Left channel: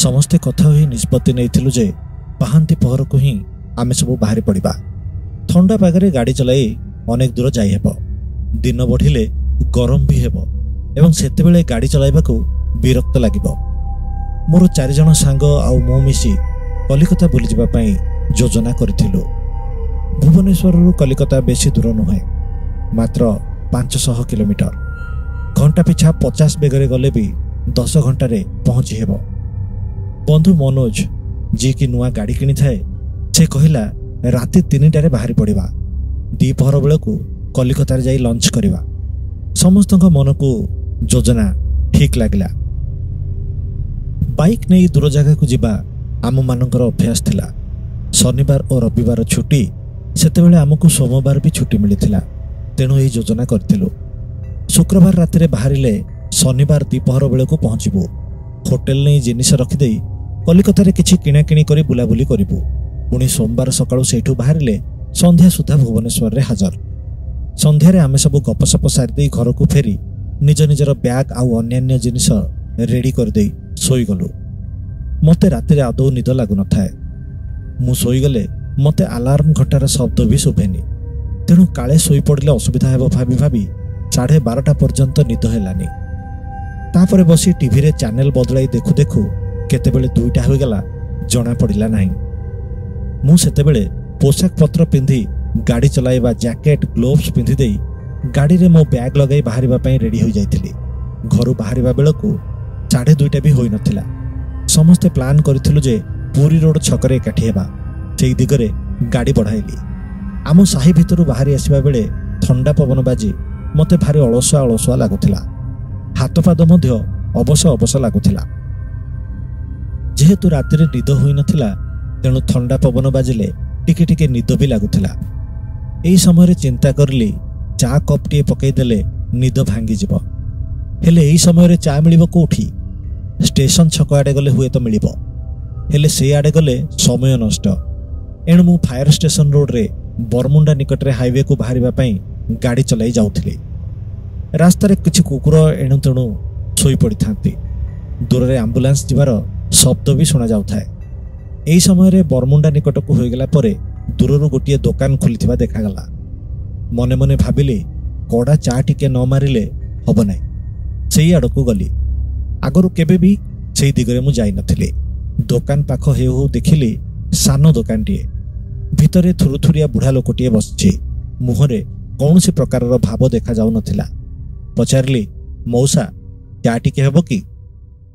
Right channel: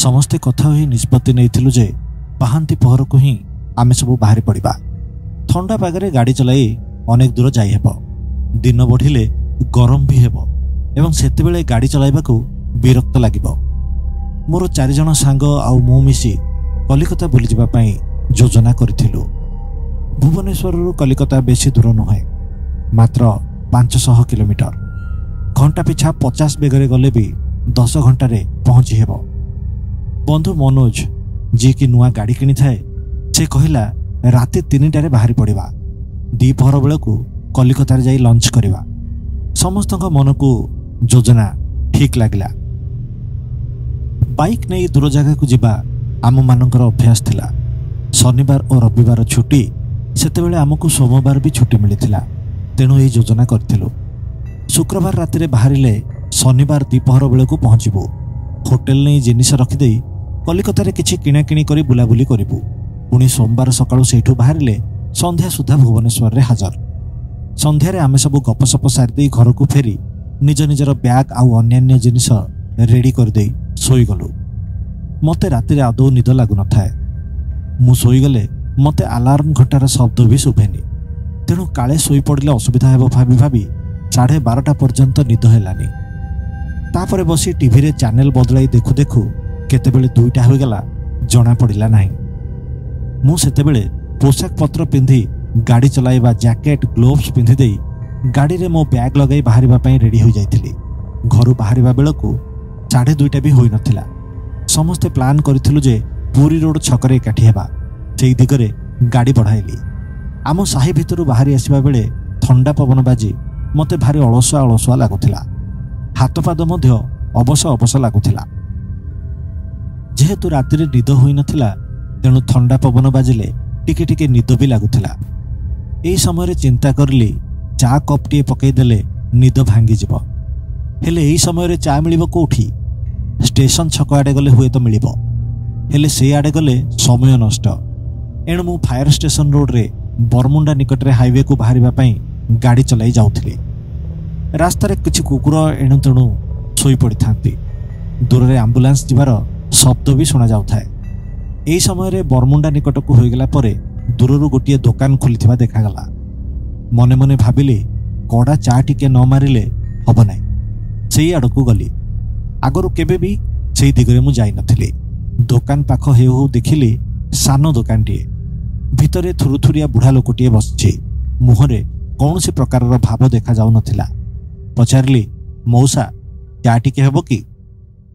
समस्ते कथा होई निष्पत्ति नैथिलु जे पाहांती पहर को ही आमे सब बाहरी पड़िबा। ठंडा पागरे गाड़ी चलाई अनेक दूर जाई हेबो। दिन बढ़िले गरम भी हेबो एवं सेतेबेले गाड़ी चलाइबा को विरक्त लागिबो। मोर 4 जण सांग आउ मु मिसी कलिकता बुली जिबा पई योजना करिथिलु। भुवनेश्वर रु कलिकता बेसी दूर नुहे, मात्र 500 किलोमीटर। घंटा पिछा 50 बेगरे गले भी 10 घंटे पहुंची हेबो। बंधु मनोज जी की नुआ गाड़ी किनी थाए से कहिला राति 3टारे बाहरी पड़िबा, दीपहर बेलू कलिकतार जाई लंच करिबा। समस्तक मन को योजना ठीक लागला। बाइक नहीं दूर जगह को जिबा आम मानकर अभ्यास थिला। शनिवार और रविवार छुट्टी, सेतेबेले आमको सोमवार भी छुट्टी मिलिथिला, तेणु यही योजना करथिलु। शुक्रवार राति बाहरिले शनिवार दीपहर बेलू पहुंचबू। होटेल नहीं जिनिस रखिदे कलिकतार किछि किणाकिणी करी बुलाबुली करिबू। पुणी सोमवार सकाळु सेठू बाहरिले संध्या सुधा भुवनेश्वर रे हाजर। संध्यारे आमे सब गपसप सारी घर को फेरी निज निजर बैग आउ अन्यान्य जिनिस रेडी कर दे सोई गलु। मते राति आदौ निद लागु न थाए। मु सोई गले मते अलार्म घंटार शब्द भी शुभेनी, तेणु काले सोई पड़िले असुविधा हेबो भाबी भाबी 12:30 पर्यंत निद हेलानी। तापरे बसी टीवी रे चैनल बदलाई देखु देखु केतेबेले 2टा हो गला जना पड़िला नाही। मु सेतेबेले पोशाक पत्र पिंधि गाड़ी चलाइबा जैकेट ग्लोव्स पिंधि देई गाड़ी रे मो बैग लगाई बाहरिबा पई रेडी हो जाइथिली। घरु बाहरिबा बेलकू 2:30 भी होई नथिला। समस्ते प्लान करिथिलु जे पूरी रोड छकरे एकाठी हेबा, सेई दिगरे गाड़ी बढ़ाइली। आम साही भितरु बाहरी आसीबा बेले ठंडा पवन बाजी मते भारी अलसुआ अलसुआ लागुथिला। हाथ पाद मध्य अबस अबस लागुथिला। जेहेतु रातिरे निद होई नथिला, तेणु ठंडा पवन बाजिले टिके टिके निद भी लागुथिला। एई समय चिंता करली चा कपटीए पकई देले निद भांगी जिवो। हेले एई समय चा मिलिबो कोठी? स्टेशन छक आडे गले हुए तो मिलिबो, हेले से आडे गले समय नष्ट। एणु मु फायर स्टेशन रोड रे बरमुंडा निकट रे हाईवे को बाहरिबा पई गाड़ी चलाई जाउथिली। रास्तार किछि कुकुर एणु तेणु सोई पड़ी थांती। दूर रे एम्बुलेंस जिबार शब्द भी सुना जाउथाए। एई समय रे बरमुंडा निकट को होइगला परे दूररु गोटिए दुकान खोलिथिबा देखागला। मने मने भाबिली कड़ा चा टिके न मारिले हब नाही। सेई आडकू गली। आगरु केबे भी सेई दिगरे मु जाई नथिली। दुकान पाख हेउ हेउ देखिली सानो दुकानटीए। भितरे थुरुथुरिया बुढ़ा लोकटीए बसछि। मुहरे कौनसी प्रकारर भाव देखा जाउ नथिला। पचारली, मौसा चा टिके हेबो कि?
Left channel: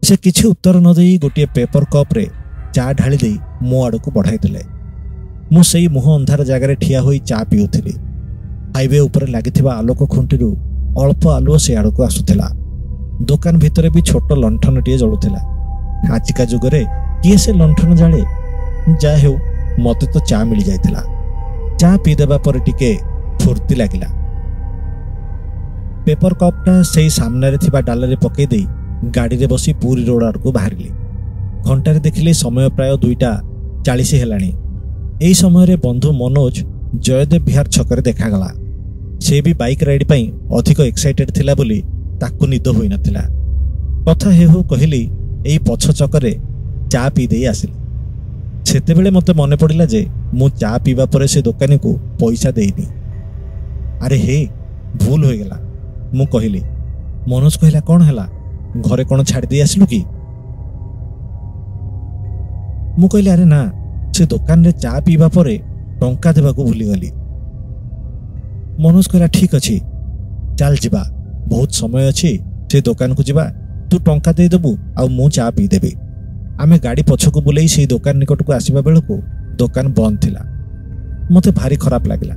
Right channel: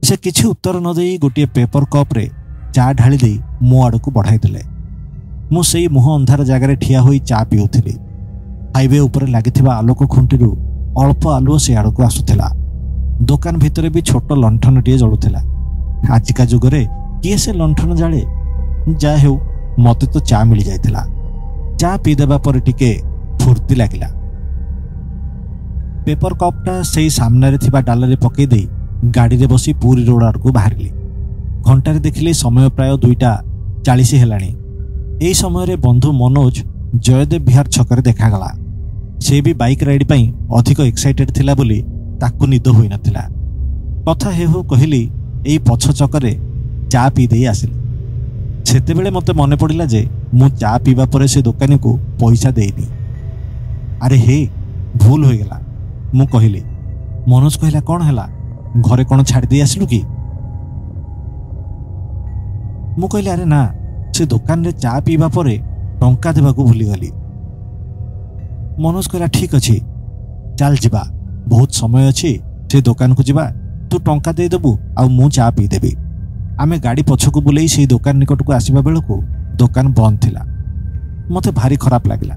से किछि उत्तर न देई गोटिए पेपर कप रे चा ढाली दे मो आड़कू बढ़ाई देले। मु सेई मुह अंधार जगार ठिया होई चा पिउथिली। हाईवे ऊपर लागिथिबा आलोक खुंटीरू अल्प आलुओ से आड़कू आसुथिला। दुकान भितरे भी छोट लंठनटीए जळुथिला। आजिका जुगरे किए से लंठन जाळे? जा हेउ मते तो चा मिली जाइथिला। चा पी देबा पर टिके फुर्ती लागिला। पेपर कपटा सेई सामने थिबा डालरे पकई देई गाड़ी रे बसी पूरी रोड आड़कू बाहरिली। घंटारे देखिले समय प्राय 2:40 हेलाणी। एई समय रे बंधु मनोज जयदेव विहार छकरे देखागला। से भी बाइक राइड पई अधिक एक्साइटेड थिला बोली ताकू निद होई नथिला। कथा हेहु कहली एई पछ चकरे चा पी देई आसिल। सेतेबेले मते मने पड़िला जे मु चा पीबा परे से दुकानी को पैसा देइनी। अरे हे भूल हो गला मु कहली। मनोज कहला कौन हैला, घरे कौन छाड़ दे आसिलु कि? मु कहली अरे ना, से दुकान रे चा पीबा परे टंका देबाकू भूली गली। मनोज कहला ठीक अछि, चल जिबा, बहुत समय अछि, से दुकान को जिबा, तू टंका दे देबू आ मु चा पी देबी। आमे गाड़ी पछकू बुलेई से दुकान निकट को आसीबा बेलकू दुकान बंद थिला। मते भारी खराब लागिला।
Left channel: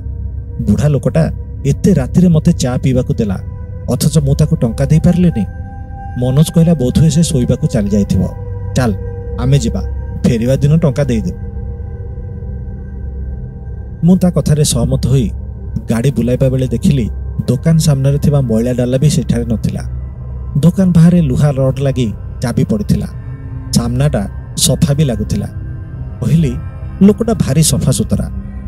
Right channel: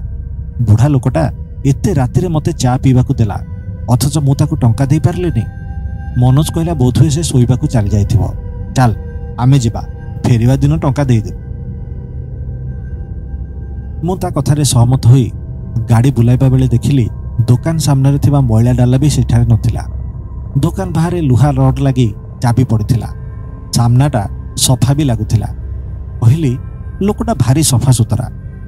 बुढ़ा लोकटा एते राति रे मते चा पीबाकू देला, अथच मु ताकू टंका दे पारलेनी। मनोज कहला बोधुए से सोईबाकू चली जाइथिबो, चल आमे जिबा, फेरिबा दिन टंका दे दे। मु ता कथारे सहमत होई गाड़ी बुलाइबा बेले देखिली दुकान सामने थिबा मैला डाला भी सेठारे नथिला। दुकान बाहरे लुहा रड लगी चाबी पड़िथिला। सामनाटा सफा भी लगुथिला। कहली लोकटा भारी सफा सुतरा,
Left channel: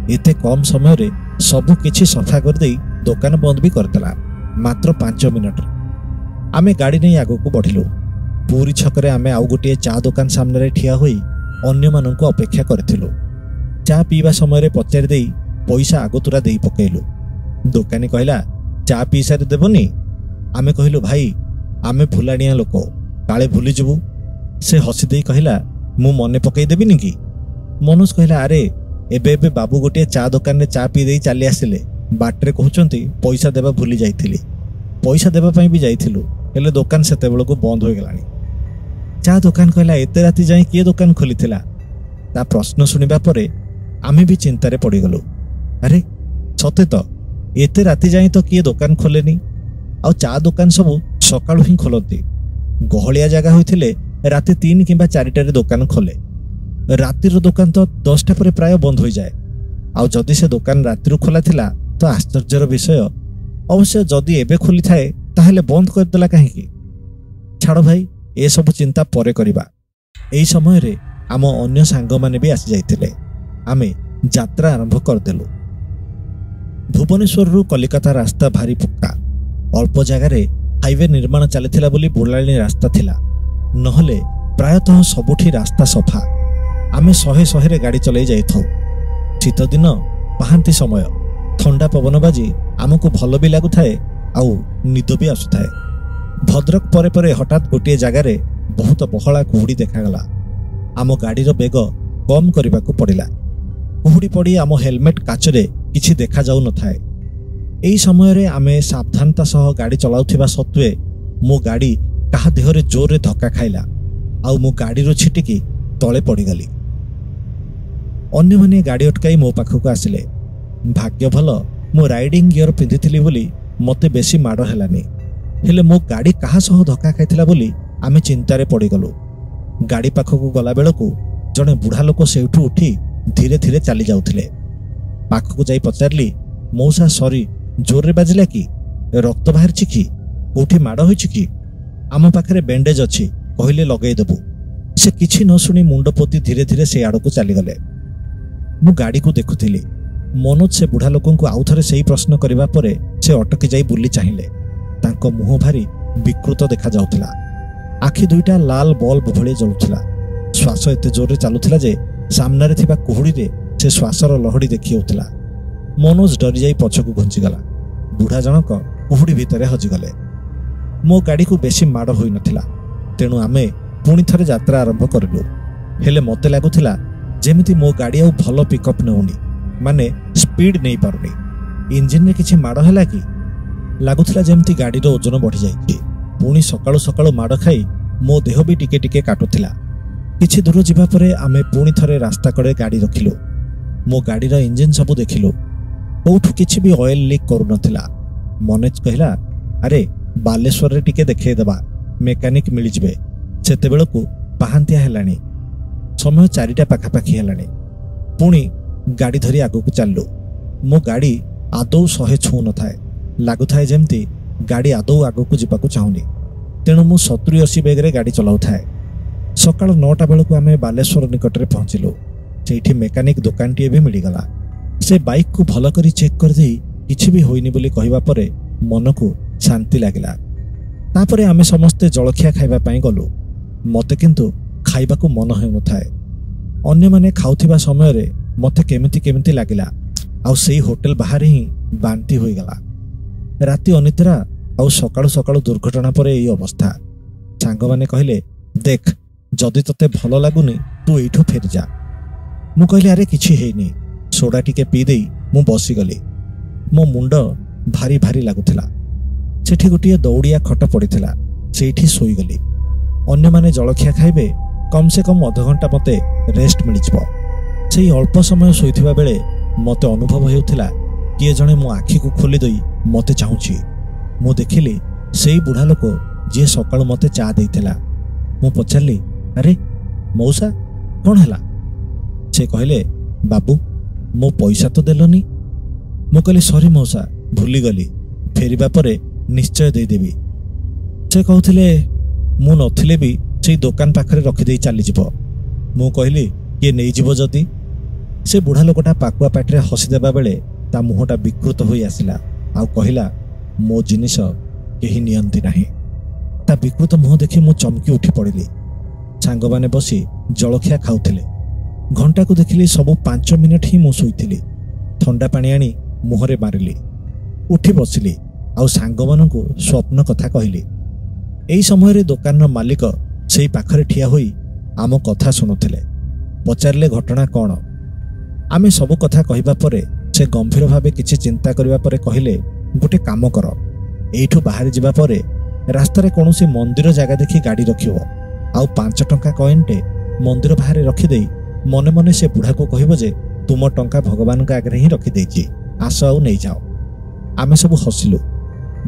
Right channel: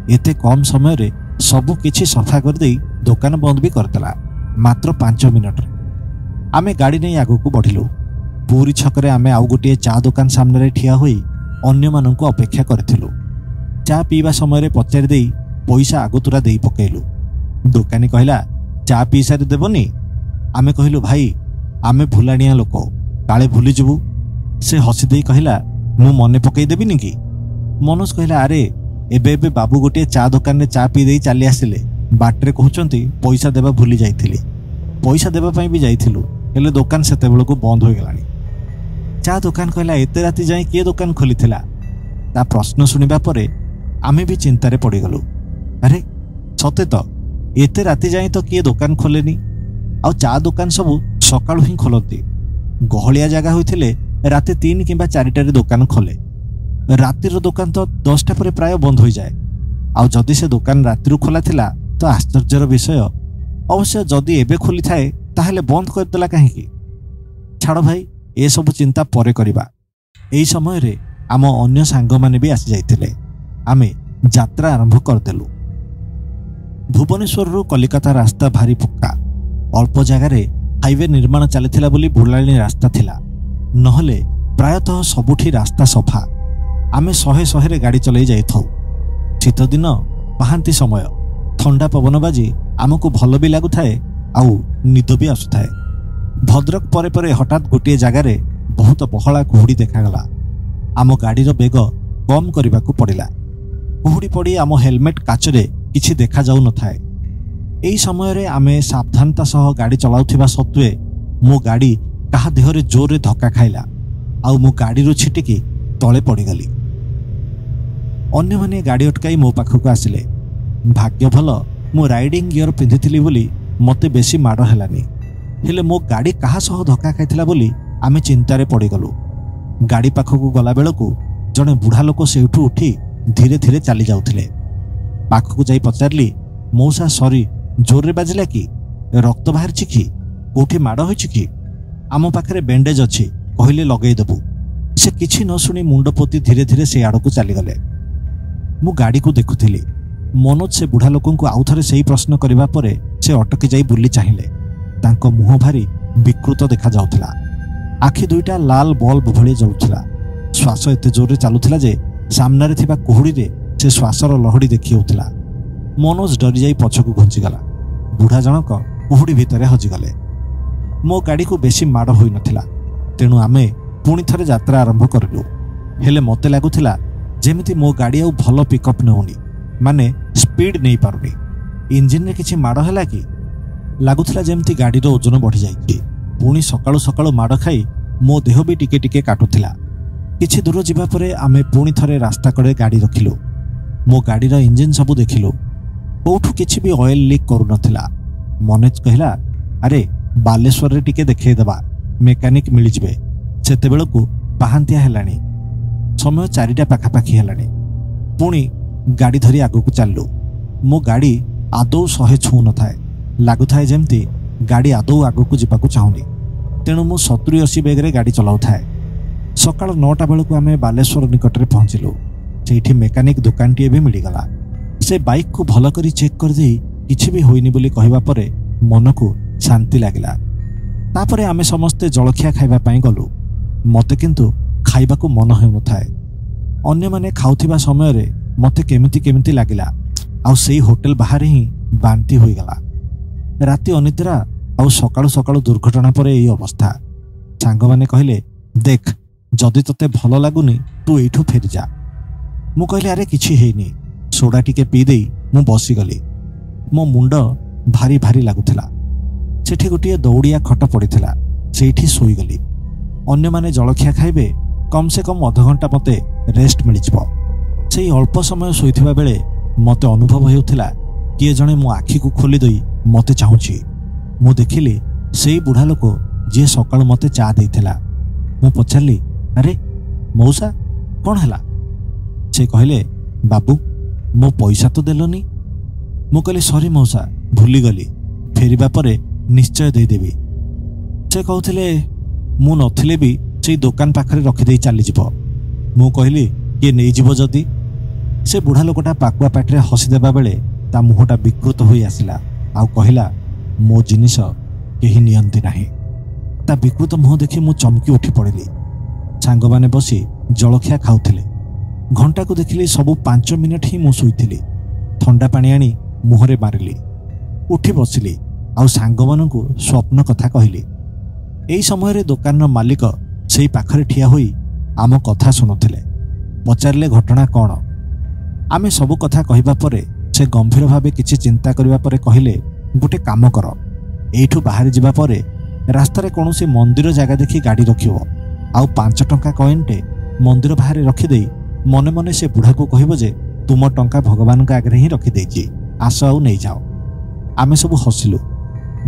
एते कम समय रे सबु किछि सफा कर देई दुकान बंद भी करतला मात्र 5 मिनट। आमे गाड़ी नहीं आगो को बढ़िलु। ପୁରୀ ଛକରେ ଆମେ ଆଉ ଗୋଟିଏ ଚା ଦୋକାନ ସାମ୍ନାରେ ଠିଆ ହୋଇ ଅନ୍ୟମାନଙ୍କୁ ଅପେକ୍ଷା କରିଥିଲୁ। ଚା ପିଇବା ସମୟରେ ପଚାରି ଦେଇ ପଇସା ଆଗତୁରା ଦେଇ ପକାଇଲୁ। ଦୋକାନୀ କହିଲା, ଚା ପିଇ ସାରି ଦେବନି? ଆମେ କହିଲୁ, ଭାଇ ଆମେ ଭୁଲାଣିଆ ଲୋକ, କାଳେ ଭୁଲିଯିବୁ। ସେ ହସି ଦେଇ କହିଲା, ମୁଁ ମନେ ପକାଇ ଦେବିନି କି? ମନୋଜ କହିଲା, ଆରେ ଏବେ ଏବେ ବାବୁ ଗୋଟିଏ ଚା ଦୋକାନରେ ଚା ପିଇ ଦେଇ ଚାଲି ଆସିଲେ, ବାଟରେ କହୁଛନ୍ତି ପଇସା ଦେବା ଭୁଲି ଯାଇଥିଲି। ପଇସା ଦେବା ପାଇଁ ବି ଯାଇଥିଲୁ, ହେଲେ ଦୋକାନ ସେତେବେଳକୁ ବନ୍ଦ ହୋଇଗଲାଣି। ଚା ଦୋକାନ କହିଲା, ଏତେ ରାତି ଯାଏଁ କିଏ ଦୋକାନ ଖୋଲିଥିଲା? ତା ପ୍ରଶ୍ନ ଶୁଣିବା ପରେ ଆମେ ବି ଚିନ୍ତାରେ ପଡ଼ିଗଲୁ। ଆରେ ସତେ ତ, ଏତେ ରାତି ଯାଏଁ ତ କିଏ ଦୋକାନ ଖୋଲେନି, ଆଉ ଚା ଦୋକାନ ସବୁ ସକାଳୁ ହିଁ ଖୋଲନ୍ତି। ଗହଳିଆ ଜାଗା ହୋଇଥିଲେ ରାତି 3 କିମ୍ବା 4ଟାରେ ଦୋକାନ ଖୋଲେ। ରାତିର ଦୋକାନ ତ 10ଟା ପରେ ପ୍ରାୟ ବନ୍ଦ ହୋଇଯାଏ। ଆଉ ଯଦି ସେ ଦୋକାନ ରାତିରୁ ଖୋଲା ଥିଲା ତ ଆଶ୍ଚର୍ଯ୍ୟର ବିଷୟ। ଅବଶ୍ୟ ଯଦି ଏବେ ଖୋଲିଥାଏ ତାହେଲେ ବନ୍ଦ କରିଦେଲା କାହିଁକି? ଛାଡ଼ ଭାଇ, ଏସବୁ ଚିନ୍ତା ପରେ କରିବା। ଏହି ସମୟରେ ଆମ ଅନ୍ୟ ସାଙ୍ଗମାନେ ବି ଆସିଯାଇଥିଲେ। ଆମେ ଯାତ୍ରା ଆରମ୍ଭ କରିଦେଲୁ। ଭୁବନେଶ୍ୱରରୁ କଲିକତା ରାସ୍ତା ଭାରି ପକ୍କା। ଅଳ୍ପ ଜାଗାରେ ହାଇୱେ ନିର୍ମାଣ ଚାଲିଥିଲା ବୋଲି ବୁଲାଣି ରାସ୍ତା ଥିଲା, ନହେଲେ ପ୍ରାୟତଃ ସବୁଠି ରାସ୍ତା ସଫା। ଆମେ 100ରେ ଗାଡ଼ି ଚଲାଇ ଯାଇଥାଉ। ଶୀତଦିନ ପାହାନ୍ତି ସମୟ, ଥଣ୍ଡା ପବନ ବାଜି ଆମକୁ ଭଲ ବି ଲାଗୁଥାଏ, ଆଉ ନିଦ ବି ଆସୁଥାଏ। ଭଦ୍ରକ ପରେ ପରେ ହଠାତ୍ ଗୋଟିଏ ଜାଗାରେ ବହୁତ ବହଳା କୁହୁଡ଼ି ଦେଖାଗଲା। ଆମ ଗାଡ଼ିର ବେଗ କମ୍ କରିବାକୁ ପଡ଼ିଲା। କୁହୁଡ଼ି ପଡ଼ି ଆମ ହେଲମେଟ୍ କାଚରେ କିଛି ଦେଖାଯାଉନଥାଏ। ଏହି ସମୟରେ ଆମେ ସାବଧାନତା ସହ ଗାଡ଼ି ଚଳାଉଥିବା ସତ୍ତ୍ୱେ ମୋ ଗାଡ଼ି କାହା ଦେହରେ ଜୋରରେ ଧକ୍କା ଖାଇଲା, ଆଉ ମୁଁ ଗାଡ଼ିରୁ ଛିଟିକି ତଳେ ପଡ଼ିଗଲି। ଅନ୍ୟମାନେ ଗାଡ଼ି ଅଟକାଇ ମୋ ପାଖକୁ ଆସିଲେ। ଭାଗ୍ୟ ଭଲ ମୁଁ ରାଇଡିଂ ଗିୟର ପିନ୍ଧିଥିଲି ବୋଲି ମୋତେ ବେଶୀ ମାଡ଼ ହେଲାନି, ହେଲେ ମୋ ଗାଡ଼ି କାହା ସହ ଧକ୍କା ଖାଇଥିଲା ବୋଲି ଆମେ ଚିନ୍ତାରେ ପଡ଼ିଗଲୁ। ଗାଡ଼ି ପାଖକୁ ଗଲାବେଳକୁ ଜଣେ ବୁଢ଼ା ଲୋକ ସେଇଠୁ ଉଠି ଧୀରେ ଧୀରେ ଚାଲି ଯାଉଥିଲେ। ପାଖକୁ ଯାଇ ପଚାରିଲି, ମଉସା ସରି, ଜୋରରେ ବାଜିଲା କି? ରକ୍ତ ବାହାରିଛି କି? କୋଉଠି ମାଡ଼ ହୋଇଛି କି? ଆମ ପାଖରେ ବ୍ୟାଣ୍ଡେଜ୍ ଅଛି, କହିଲେ ଲଗେଇଦେବୁ। ସେ କିଛି ନ ଶୁଣି ମୁଣ୍ଡ ପୋତି ଧୀରେ ଧୀରେ ସେ ଆଡ଼କୁ ଚାଲିଗଲେ। ମୁଁ ଗାଡ଼ିକୁ ଦେଖୁଥିଲି। ମନୋଜ ସେ ବୁଢ଼ା ଲୋକଙ୍କୁ ଆଉଥରେ ସେହି ପ୍ରଶ୍ନ କରିବା ପରେ ସେ ଅଟକି ଯାଇ ବୁଲି ଚାହିଁଲେ। ତାଙ୍କ ମୁହଁ ଭାରି ବିକୃତ ଦେଖାଯାଉଥିଲା। ଆଖି ଦୁଇଟା ଲାଲ ବଲ୍ବ ଭଳି ଜଳୁଥିଲା। ଶ୍ୱାସ ଏତେ ଜୋରରେ ଚାଲୁଥିଲା ଯେ ସାମ୍ନାରେ ଥିବା କୁହୁଡ଼ିରେ ସେ ଶ୍ୱାସର ଲହଡ଼ି ଦେଖି ହେଉଥିଲା। ମନୋଜ ଡରିଯାଇ ପଛକୁ ଘୁଞ୍ଚିଗଲା। ବୁଢ଼ା ଜଣକ କୁହୁଡ଼ି ଭିତରେ ହଜିଗଲେ। ମୋ ଗାଡ଼ିକୁ ବେଶୀ ମାଡ଼ ହୋଇନଥିଲା, ତେଣୁ ଆମେ ପୁଣି ଥରେ ଯାତ୍ରା ଆରମ୍ଭ କରିଲୁ। ହେଲେ ମୋତେ ଲାଗୁଥିଲା ଯେମିତି ମୋ ଗାଡ଼ି ଆଉ ଭଲ ପିକଅପ୍ ନେଉନି, ମାନେ ସ୍ପିଡ୍ ନେଇପାରୁନି। ଇଞ୍ଜିନରେ କିଛି ମାଡ଼ ହେଲା କି? ଲାଗୁଥିଲା ଯେମିତି ଗାଡ଼ିର ଓଜନ ବଢ଼ିଯାଇଛି। ପୁଣି ସକାଳୁ ସକାଳୁ ମାଡ଼ ଖାଇ ମୋ ଦେହ ବି ଟିକେ ଟିକେ କାଟୁଥିଲା। କିଛି ଦୂର ଯିବା ପରେ ଆମେ ପୁଣି ଥରେ ରାସ୍ତା କଡ଼େ ଗାଡ଼ି ରଖିଲୁ। ମୋ ଗାଡ଼ିର ଇଞ୍ଜିନ୍ ସବୁ ଦେଖିଲୁ। କୋଉଠୁ କିଛି ବି ଅଏଲ୍ ଲିକ୍ କରୁନଥିଲା। ମନୋଜ କହିଲା, ଆରେ ବାଲେଶ୍ୱରରେ ଟିକେ ଦେଖେଇଦେବା, ମେକାନିକ୍ ମିଳିଯିବେ। ସେତେବେଳକୁ ପାହାନ୍ତିଆ ହେଲାଣି, ସମୟ 4ଟା ପାଖାପାଖି ହେଲାଣି। ପୁଣି ଗାଡ଼ି ଧରି ଆଗକୁ ଚାଲିଲୁ। ମୋ ଗାଡ଼ି ଆଦୌ 100 ଛୁଉଁନଥାଏ। ଲାଗୁଥାଏ ଯେମିତି ଗାଡ଼ି ଆଦୌ ଆଗକୁ ଯିବାକୁ ଚାହୁଁନି। ତେଣୁ ମୁଁ 70-80 ବେଗରେ ଗାଡ଼ି ଚଲାଉଥାଏ। ସକାଳ 9ଟା ବେଳକୁ ଆମେ ବାଲେଶ୍ୱର ନିକଟରେ ପହଞ୍ଚିଲୁ। ସେଇଠି ମେକାନିକ୍ ଦୋକାନଟିଏ ବି ମିଳିଗଲା। ସେ ବାଇକ୍କୁ ଭଲ କରି ଚେକ୍ କରିଦେଇ କିଛି ବି ହୋଇନି ବୋଲି କହିବା ପରେ ମନକୁ ଶାନ୍ତି ଲାଗିଲା। ତାପରେ ଆମେ ସମସ୍ତେ ଜଳଖିଆ ଖାଇବା ପାଇଁ ଗଲୁ। ମୋତେ କିନ୍ତୁ ଖାଇବାକୁ ମନ ହେଉନଥାଏ। ଅନ୍ୟମାନେ ଖାଉଥିବା ସମୟରେ ମୋତେ କେମିତି କେମିତି ଲାଗିଲା, ଆଉ ସେଇ ହୋଟେଲ ବାହାରେ ହିଁ ବାନ୍ତି ହୋଇଗଲା। ରାତି ଅନିଦ୍ରା ଆଉ ସକାଳୁ ସକାଳୁ ଦୁର୍ଘଟଣା ପରେ ଏହି ଅବସ୍ଥା। ସାଙ୍ଗମାନେ କହିଲେ, ଦେଖ, ଯଦି ତୋତେ ଭଲ ଲାଗୁନି ତୁ ଏଇଠୁ ଫେରିଯା। ମୁଁ କହିଲି, ଆରେ କିଛି ହେଇନି। ସୋଡ଼ା ଟିକେ ପିଇ ଦେଇ ମୁଁ ବସିଗଲି। ମୋ ମୁଣ୍ଡ ଭାରି ଭାରି ଲାଗୁଥିଲା। ସେଠି ଗୋଟିଏ ଦୌଡ଼ିଆ ଖଟ ପଡ଼ିଥିଲା, ସେଇଠି ଶୋଇଗଲି। ଅନ୍ୟମାନେ ଜଳଖିଆ ଖାଇବେ, କମ୍ ସେ କମ୍ ଅଧଘଣ୍ଟା ମୋତେ ରେଷ୍ଟ ମିଳିଯିବ। ସେଇ ଅଳ୍ପ ସମୟ ଶୋଇଥିବା ବେଳେ ମୋତେ ଅନୁଭବ ହେଉଥିଲା କିଏ ଜଣେ ମୋ ଆଖିକୁ ଖୋଲି ଦେଇ ମୋତେ ଚାହୁଁଛି। ମୁଁ ଦେଖିଲି ସେଇ ବୁଢ଼ା ଲୋକ ଯିଏ ସକାଳୁ ମୋତେ ଚା ଦେଇଥିଲା। ମୁଁ ପଚାରିଲି, ଆରେ ମଉସା, କ'ଣ ହେଲା? ସେ କହିଲେ, ବାବୁ, ମୋ ପଇସା ତ ଦେଲନି। ମୁଁ କହିଲି, ସରି ମଉସା, ଭୁଲିଗଲି, ଫେରିବା ପରେ ନିଶ୍ଚୟ ଦେଇଦେବି। ସେ କହୁଥିଲେ ମୁଁ ନଥିଲେ ବି ସେଇ ଦୋକାନ ପାଖରେ ରଖିଦେଇ ଚାଲିଯିବ। ମୁଁ କହିଲି, କିଏ ନେଇଯିବ ଯଦି? ସେ ବୁଢ଼ା ଲୋକଟା ପାକୁଆ ପାଟିରେ ହସିଦେବା ବେଳେ ତା ମୁହଁଟା ବିକୃତ ହୋଇ ଆସିଲା, ଆଉ କହିଲା, ମୋ ଜିନିଷ କେହି ନିଅନ୍ତି ନାହିଁ। ତା ବିକୃତ ମୁହଁ ଦେଖି ମୁଁ ଚମକି ଉଠି ପଡ଼ିଲି। ସାଙ୍ଗମାନେ ବସି ଜଳଖିଆ ଖାଉଥିଲେ। ଘଣ୍ଟାକୁ ଦେଖିଲି ସବୁ 5 ମିନିଟ୍ ହିଁ ମୁଁ ଶୋଇଥିଲି। ଥଣ୍ଡା ପାଣି ଆଣି ମୁହଁରେ ମାରିଲି। ଉଠି ବସିଲି ଆଉ ସାଙ୍ଗମାନଙ୍କୁ ସ୍ୱପ୍ନ କଥା କହିଲି। ଏହି ସମୟରେ ଦୋକାନର ମାଲିକ ସେଇ ପାଖରେ ଠିଆ ହୋଇ ଆମ କଥା ଶୁଣୁଥିଲେ। ପଚାରିଲେ ଘଟଣା କ'ଣ। ଆମେ ସବୁ କଥା କହିବା ପରେ ସେ ଗମ୍ଭୀର ଭାବେ କିଛି ଚିନ୍ତା କରିବା ପରେ କହିଲେ, ଗୋଟେ କାମ କର, ଏଇଠୁ ବାହାରି ଯିବା ପରେ ରାସ୍ତାରେ କୌଣସି ମନ୍ଦିର ଜାଗା ଦେଖି ଗାଡ଼ି ରଖିବ, ଆଉ 5 ଟଙ୍କା କଏନ୍ଟେ ମନ୍ଦିର ବାହାରେ ରଖିଦେଇ ମନେ ମନେ ସେ ବୁଢ଼ାକୁ କହିବ ଯେ ତୁମ ଟଙ୍କା ଭଗବାନଙ୍କ ଆଗରେ ହିଁ ରଖିଦେଇଛି, ଆସ ଆଉ ନେଇଯାଅ। ଆମେ ସବୁ ହସିଲୁ।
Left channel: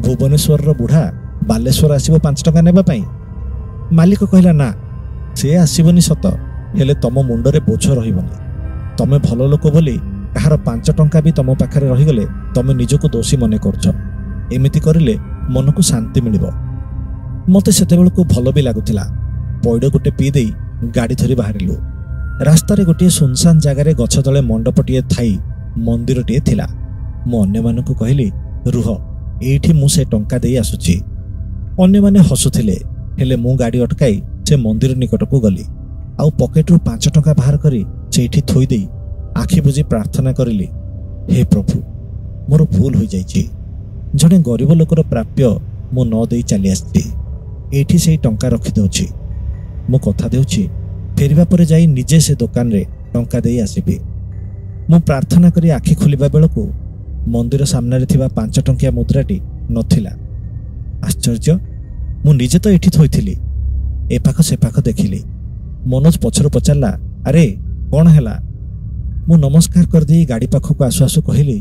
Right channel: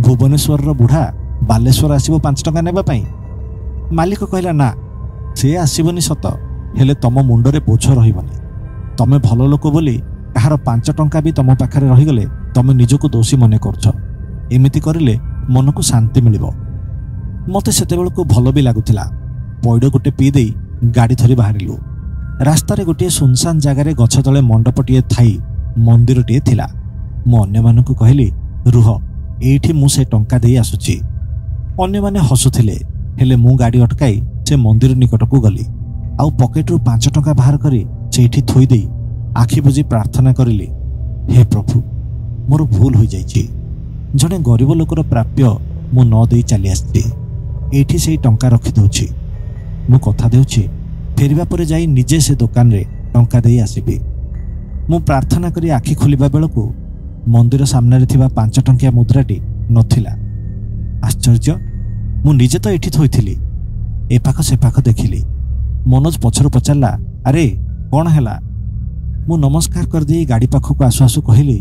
ଭୁବନେଶ୍ୱରର ବୁଢ଼ା ବାଲେଶ୍ୱର ଆସିବ 5 ଟଙ୍କା ନେବା ପାଇଁ? ମାଲିକ କହିଲା, ନା, ସେ ଆସିବନି ସତ, ହେଲେ ତମ ମୁଣ୍ଡରେ ବୋଝ ରହିବନି। ତମେ ଭଲ ଲୋକ ବୋଲି କାହାର 5 ଟଙ୍କା ବି ତମ ପାଖରେ ରହିଗଲେ ତମେ ନିଜକୁ ଦୋଷୀ ମନେ କରୁଛ। ଏମିତି କରିଲେ ମନକୁ ଶାନ୍ତି ମିଳିବ। ମୋତେ ସେତେବେଳକୁ ଭଲ ବି ଲାଗୁଥିଲା। ପଇଡ଼ ଗୋଟେ ପିଇ ଦେଇ ଗାଡ଼ି ଧରି ବାହାରିଲୁ। ରାସ୍ତାରେ ଗୋଟିଏ ସୁନସାନ ଜାଗାରେ ଗଛ ତଳେ ମଣ୍ଡପଟିଏ ଥାଇ ମନ୍ଦିରଟିଏ ଥିଲା। ମୁଁ ଅନ୍ୟମାନଙ୍କୁ କହିଲି, ରୁହ, ଏଇଠି ମୁଁ ସେ ଟଙ୍କା ଦେଇ ଆସୁଛି। ଅନ୍ୟମାନେ ହସୁଥିଲେ, ହେଲେ ମୁଁ ଗାଡ଼ି ଅଟକାଇ ସେ ମନ୍ଦିର ନିକଟକୁ ଗଲି। ଆଉ ପକେଟରୁ 5 ଟଙ୍କା ବାହାର କରି ସେଇଠି ଥୋଇଦେଇ ଆଖି ବୁଜି ପ୍ରାର୍ଥନା କରିଲି, ହେ ପ୍ରଭୁ, ମୋର ଭୁଲ ହୋଇଯାଇଛି। ଜଣେ ଗରିବ ଲୋକର ପ୍ରାପ୍ୟ ମୁଁ ନ ଦେଇ ଚାଲି ଆସିଛି। ଏଇଠି ସେଇ ଟଙ୍କା ରଖିଦେଉଛି। ମୁଁ କଥା ଦେଉଛି, ଫେରିବା ପରେ ଯାଇ ନିଜେ ସେ ଦୋକାନରେ ଟଙ୍କା ଦେଇ ଆସିବି। ମୁଁ ପ୍ରାର୍ଥନା କରି ଆଖି ଖୋଲିବା ବେଳକୁ ମନ୍ଦିର ସାମ୍ନାରେ ଥିବା 5 ଟଙ୍କିଆ ମୁଦ୍ରାଟି ନଥିଲା। ଆଶ୍ଚର୍ଯ୍ୟ, ମୁଁ ନିଜେ ତ ଏଠି ଥୋଇଥିଲି। ଏପାଖ ସେପାଖ ଦେଖିଲି। ମନୋଜ ପଛରୁ ପଚାରିଲା, ଆରେ କ'ଣ ହେଲା? ମୁଁ ନମସ୍କାର କରିଦେଇ ଗାଡ଼ି ପାଖକୁ ଆସୁ ଆସୁ କହିଲି,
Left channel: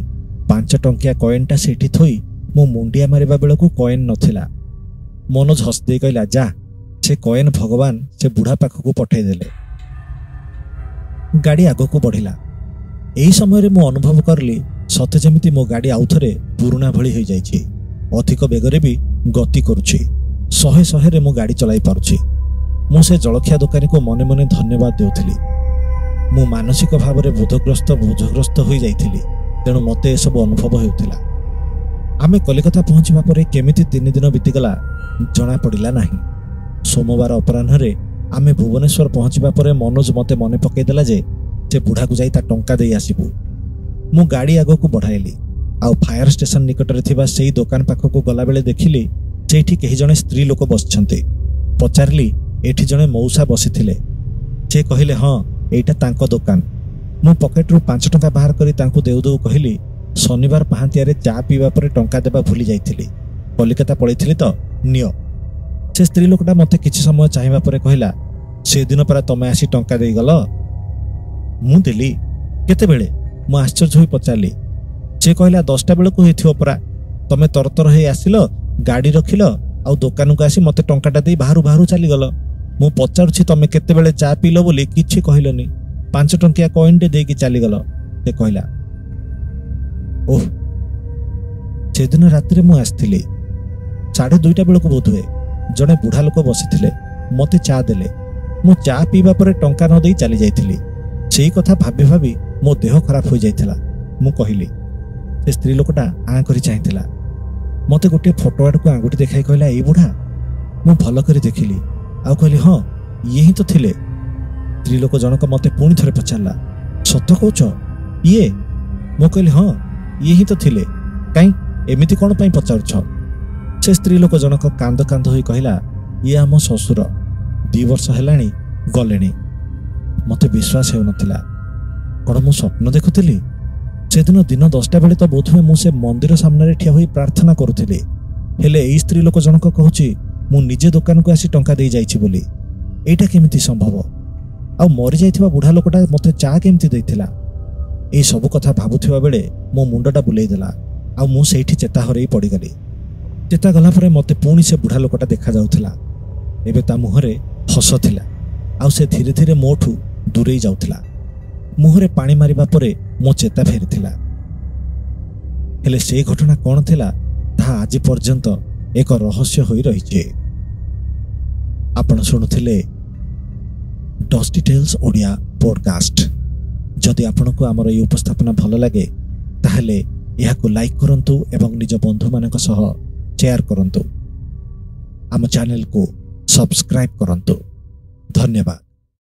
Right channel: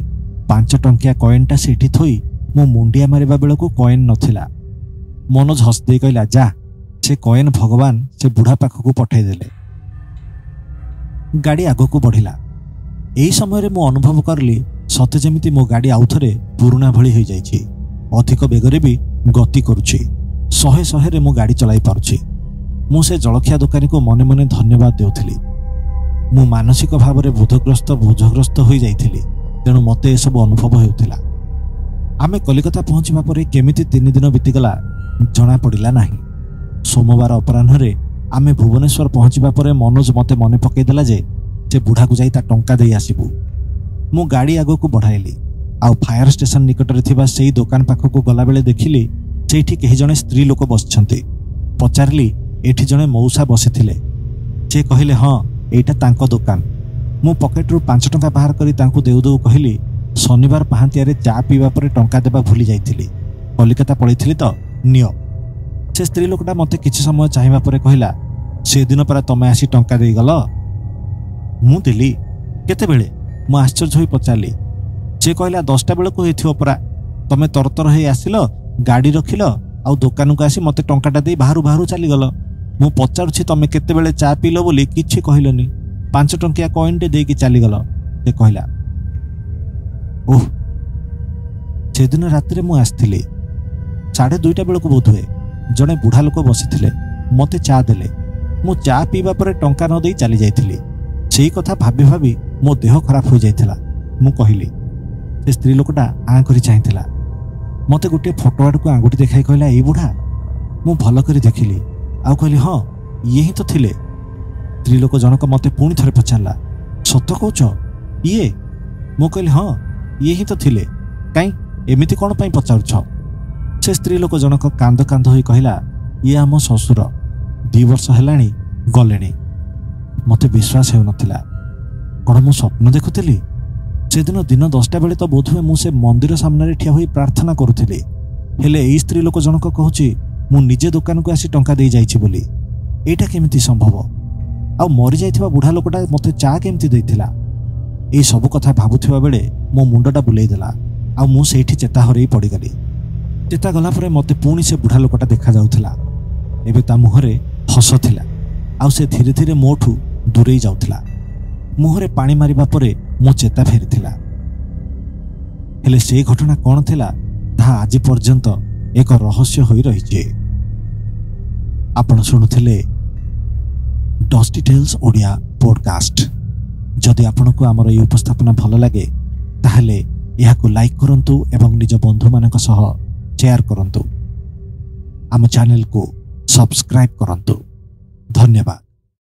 5 ଟଙ୍କିଆ କଏନ୍ଟା ସେଇଠି ଥୋଇ ମୁଁ ମୁଣ୍ଡିଆ ମାରିବା ବେଳକୁ କଏନ୍ ନଥିଲା। ମନୋଜ ହସିଦେଇ କହିଲା, ଯା, ସେ କଏନ୍ ଭଗବାନ ସେ ବୁଢ଼ା ପାଖକୁ ପଠାଇଦେଲେ। ଗାଡ଼ି ଆଗକୁ ବଢ଼ିଲା। ଏହି ସମୟରେ ମୁଁ ଅନୁଭବ କରିଲି ସତେ ଯେମିତି ମୋ ଗାଡ଼ି ଆଉଥରେ ପୁରୁଣା ଭଳି ହୋଇଯାଇଛି। ଅଧିକ ବେଗରେ ବି ଗତି କରୁଛି। 100ରେ ମୁଁ ଗାଡ଼ି ଚଳାଇ ପାରୁଛି। ମୁଁ ସେ ଜଳଖିଆ ଦୋକାନୀକୁ ମନେ ମନେ ଧନ୍ୟବାଦ ଦେଉଥିଲି। ମୁଁ ମାନସିକ ଭାବରେ ବୋଝଗ୍ରସ୍ତ ହୋଇଯାଇଥିଲି। ତେଣୁ ମୋତେ ଏସବୁ ଅନୁଭବ ହେଉଥିଲା। ଆମେ କଲିକତା ପହଞ୍ଚିବା ପରେ କେମିତି 3 ଦିନ ବିତିଗଲା ଜଣାପଡ଼ିଲା ନାହିଁ। ସୋମବାର ଅପରାହ୍ନରେ ଆମେ ଭୁବନେଶ୍ୱର ପହଞ୍ଚିବା ପରେ ମନୋଜ ମୋତେ ମନେ ପକାଇଦେଲା ଯେ ସେ ବୁଢ଼ାକୁ ଯାଇ ତା ଟଙ୍କା ଦେଇ ଆସିବୁ। ମୁଁ ଗାଡ଼ି ଆଗକୁ ବଢ଼ାଇଲି ଆଉ ଫାୟାର ଷ୍ଟେସନ ନିକଟରେ ଥିବା ସେଇ ଦୋକାନ ପାଖକୁ ଗଲାବେଳେ ଦେଖିଲି ସେଇଠି କେହି ଜଣେ ସ୍ତ୍ରୀ ଲୋକ ବସିଛନ୍ତି। ପଚାରିଲି, ଏଠି ଜଣେ ମଉସା ବସିଥିଲେ? ସେ କହିଲେ, ହଁ, ଏଇଟା ତାଙ୍କ ଦୋକାନ। ମୁଁ ପକେଟରୁ 5 ଟଙ୍କା ବାହାର କରି ତାଙ୍କୁ ଦେଉ ଦେଉ କହିଲି, ଶନିବାର ପାହାନ୍ତିଆରେ ଚା ପିଇବା ପରେ ଟଙ୍କା ଦେବା ଭୁଲି ଯାଇଥିଲି। କଲିକତା ପଳେଇଥିଲି ତ, ନିଅ। ସେ ସ୍ତ୍ରୀ ଲୋକଟା ମୋତେ କିଛି ସମୟ ଚାହିଁବା ପରେ କହିଲା, ସେଦିନ ପରା ତମେ ଆସି ଟଙ୍କା ଦେଇଗଲ? ମୁଁ ଦେଲି? କେତେବେଳେ? ମୁଁ ଆଶ୍ଚର୍ଯ୍ୟ ହୋଇ ପଚାରିଲି। ସେ କହିଲା, 10ଟା ବେଳକୁ ହେଇଥିବ ପରା। ତମେ ତରତର ହେଇ ଆସିଲ, ଗାଡ଼ି ରଖିଲ ଆଉ ଦୋକାନକୁ ଆସି ମୋତେ ଟଙ୍କାଟା ଦେଇ ବାହାରୁ ବାହାରୁ ଚାଲିଗଲ। ମୁଁ ପଚାରୁଛି ତମେ କେତେବେଳେ ଚା ପିଇଲ ବୋଲି କିଛି କହିଲନି। 5 ଟଙ୍କିଆ କଏନ୍ଟେ ଦେଇକି ଚାଲିଗଲ, ସେ କହିଲା। ଓହ, ସେଦିନ ରାତିରେ ମୁଁ ଆସିଥିଲି। 2:30 ବେଳକୁ ବୋଧହୁଏ ଜଣେ ବୁଢ଼ା ଲୋକ ବସିଥିଲେ। ମୋତେ ଚା ଦେଲେ। ମୁଁ ଚା ପିଇବା ପରେ ଟଙ୍କା ନ ଦେଇ ଚାଲି ଯାଇଥିଲି। ସେଇ କଥା ଭାବି ଭାବି ମୋ ଦେହ ଖରାପ ହୋଇଯାଇଥିଲା। ମୁଁ କହିଲି। ସେ ସ୍ତ୍ରୀ ଲୋକଟା ଆଁ କରି ଚାହିଁଥିଲା। ମୋତେ ଗୋଟିଏ ଫଟୋ ଆଡ଼କୁ ଆଙ୍ଗୁଠି ଦେଖାଇ କହିଲା, ଏଇ ବୁଢ଼ା? ମୁଁ ଭଲ କରି ଦେଖିଲି ଆଉ କହିଲି, ହଁ, ଇଏ ହିଁ ତ ଥିଲେ। ସ୍ତ୍ରୀ ଲୋକ ଜଣକ ମୋତେ ପୁଣି ଥରେ ପଚାରିଲା, ସତ କହୁଛ? ଇଏ? ମୁଁ କହିଲି, ହଁ, ଇଏ ହିଁ ତ ଥିଲେ। କାଇଁ ଏମିତି କ'ଣ ପାଇଁ ପଚାରୁଛ? ସେ ସ୍ତ୍ରୀ ଲୋକ ଜଣକ କାନ୍ଦ କାନ୍ଦ ହୋଇ କହିଲା, ଇଏ ଆମ ଶ୍ୱଶୁର। 2 ବର୍ଷ ହେଲାଣି ଗଲେଣି। ମୋତେ ବିଶ୍ୱାସ ହେଉନଥିଲା। କ'ଣ ମୁଁ ସ୍ୱପ୍ନ ଦେଖୁଥିଲି? ସେଦିନ ଦିନ 10ଟା ବେଳେ ତ ବୋଧହୁଏ ମୁଁ ସେ ମନ୍ଦିର ସାମ୍ନାରେ ଠିଆ ହୋଇ ପ୍ରାର୍ଥନା କରୁଥିଲି। ହେଲେ ଏଇ ସ୍ତ୍ରୀ ଲୋକ ଜଣକ କହୁଛି ମୁଁ ନିଜେ ଦୋକାନକୁ ଆସି ଟଙ୍କା ଦେଇ ଯାଇଛି ବୋଲି। ଏଇଟା କେମିତି ସମ୍ଭବ? ଆଉ ମରିଯାଇଥିବା ବୁଢ଼ା ଲୋକଟା ମୋତେ ଚା କେମିତି ଦେଇଥିଲା? ଏଇ ସବୁ କଥା ଭାବୁଥିବା ବେଳେ ମୋ ମୁଣ୍ଡଟା ବୁଲେଇ ଦେଲା ଆଉ ମୁଁ ସେଇଠି ଚେତା ହରେଇ ପଡ଼ିଗଲି। ଚେତା ଗଲା ପରେ ମୋତେ ପୁଣି ସେ ବୁଢ଼ା ଲୋକଟା ଦେଖାଯାଉଥିଲା। ଏବେ ତା ମୁହଁରେ ହସ ଥିଲା ଆଉ ସେ ଧୀରେ ଧୀରେ ମୋଠୁ ଦୂରେଇ ଯାଉଥିଲା। ମୁହଁରେ ପାଣି ମାରିବା ପରେ ମୋ ଚେତା ଫେରିଥିଲା। ହେଲେ ସେଇ ଘଟଣା କ'ଣ ଥିଲା ତାହା ଆଜି ପର୍ଯ୍ୟନ୍ତ ଏକ ରହସ୍ୟ ହୋଇ ରହିଛି। ଆପଣ ଶୁଣୁଥିଲେ ଡଷ୍ଟି ଟେଲ୍ସ ଓଡ଼ିଆ ପଡକାଷ୍ଟ। ଯଦି ଆପଣଙ୍କୁ ଆମର ଏହି ଉପସ୍ଥାପନା ଭଲ ଲାଗେ ତାହେଲେ ଏହାକୁ ଲାଇକ୍ କରନ୍ତୁ ଏବଂ ନିଜ ବନ୍ଧୁମାନଙ୍କ ସହ ସେୟାର କରନ୍ତୁ। ଆମ ଚ୍ୟାନେଲକୁ ସବସ୍କ୍ରାଇବ୍ କରନ୍ତୁ। ଧନ୍ୟବାଦ।